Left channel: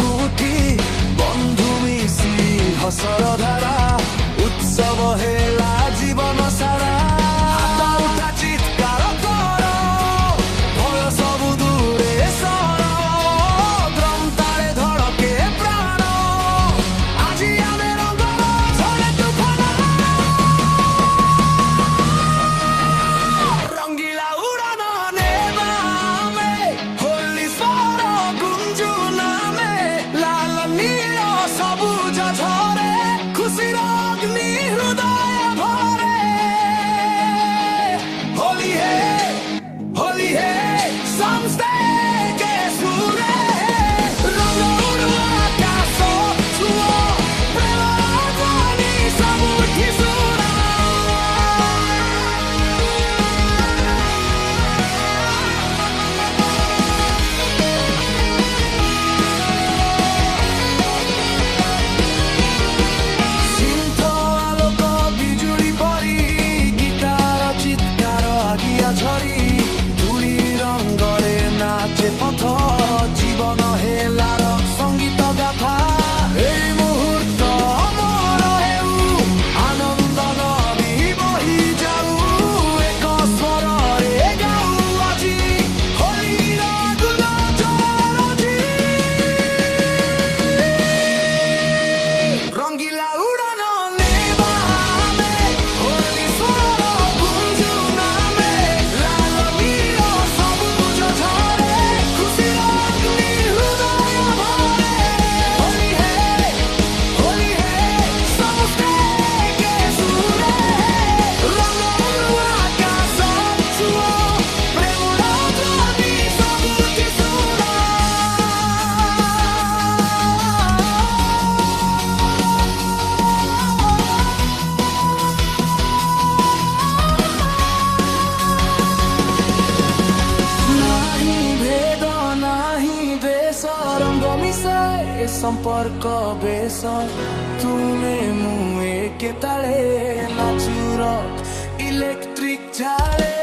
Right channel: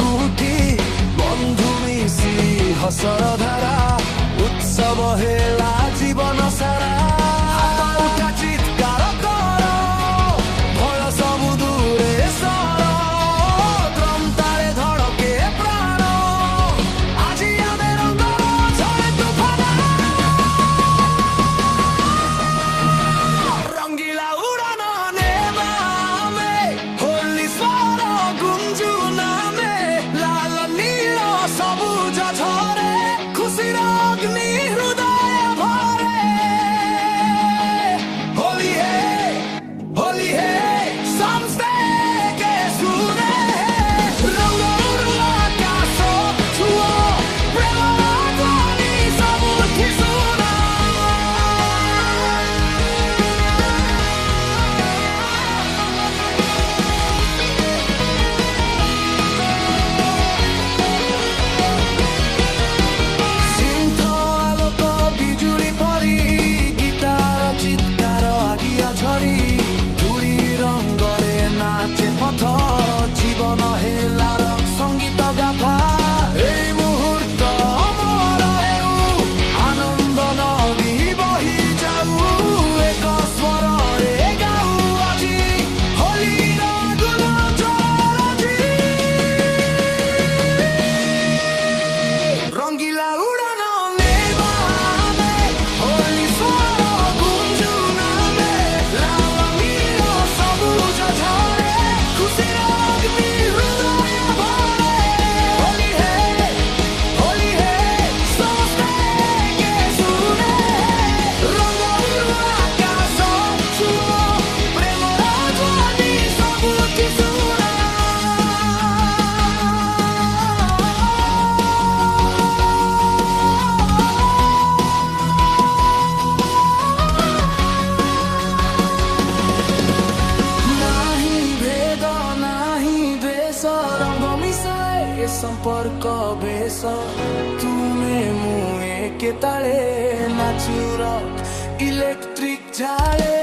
କୋଉଠି ବନ୍ଧୁ ମିଶି ହସର ଧାରା ଉତ୍ସବ ହେଲା ଜୀବନ ସାରା। ହାତ ଉଠା ଚିତ୍କାର କର ଭୟ ସବୁ ଦୂରେ ସର ଡ୍ରମ୍ ତାଳେ ଧଡ଼କେ ପ୍ରାଣ ଆଜି ଆମେ ରଙ୍ଗର ଝଡ଼େ ତୁଫାନ ରଙ୍ଗିଲା ଉଡ଼ାନ ନେବା ଆମେ ହୋଲି ସ୍ୱର ଗୁଞ୍ଜୁନ ଆମେ ଲାଲ ନୀଳ ସବୁଜ ଝରେ ଖୁସିର ଅଗ୍ନି ହୃଦୟ ଭରେ। ହୋଲି ହେ ସମସ୍ତେ ସୁରେ ରଙ୍ଗ ଉଡୁ ଆକାଶ ଛୁଅ ପ୍ରେମର ଧ୍ୱନି ସବୁଠି ଶୁଣ। ସିନ୍ଥ ଆଲୋକ ବିଜୁଳି ପରି ଗୀତାର ଚିତ୍କାର ଆଗିଆ ଝରି ଧୂଳି ରଙ୍ଗରେ ନାଚେ ପଥ ଜୀବନ ହେଲାର ସଙ୍ଗୀତ ଗାଥା। ଏଇ ମୁହୂର୍ତ୍ତ ଅମର ହେଉ ଆନନ୍ଦ ନଦୀ ବହି ଯାଉ ଏକ ସ୍ୱରରେ ଗାଉ ଆଜି ହୋଲିର ଗୁଣ ଜଳରଜି। ରଙ୍ଗିଲା ଉଡ଼ାନ ନେବା ଆମେ ହୋଲି ସ୍ୱର ଗୁଞ୍ଜୁନ ଆମେ ଲାଲ ନୀଳ ସବୁଜ ଝରେ ଖୁସିର ଅଗ୍ନି ହୃଦୟ ଭରେ। ହୋଲି ହେ ସମସ୍ତେ ସୁରେ ରଙ୍ଗ ଉଡୁ ଆକାଶ ଛୁଅ ପ୍ରେମର ଧ୍ୱନି ସବୁଠି ଶୁଣ। ନାହିଁ ଭେଦ ନାହିଁ ବେଶ ରଙ୍ଗ ମିଶାଏ ସମ୍ପର୍କ ବେଶ ତୁମେ ମୁଁ ଏକେ ତାଳେ ନାଚୁର ଇଲେକ୍ଟ୍ରିକ ଝାଳେ।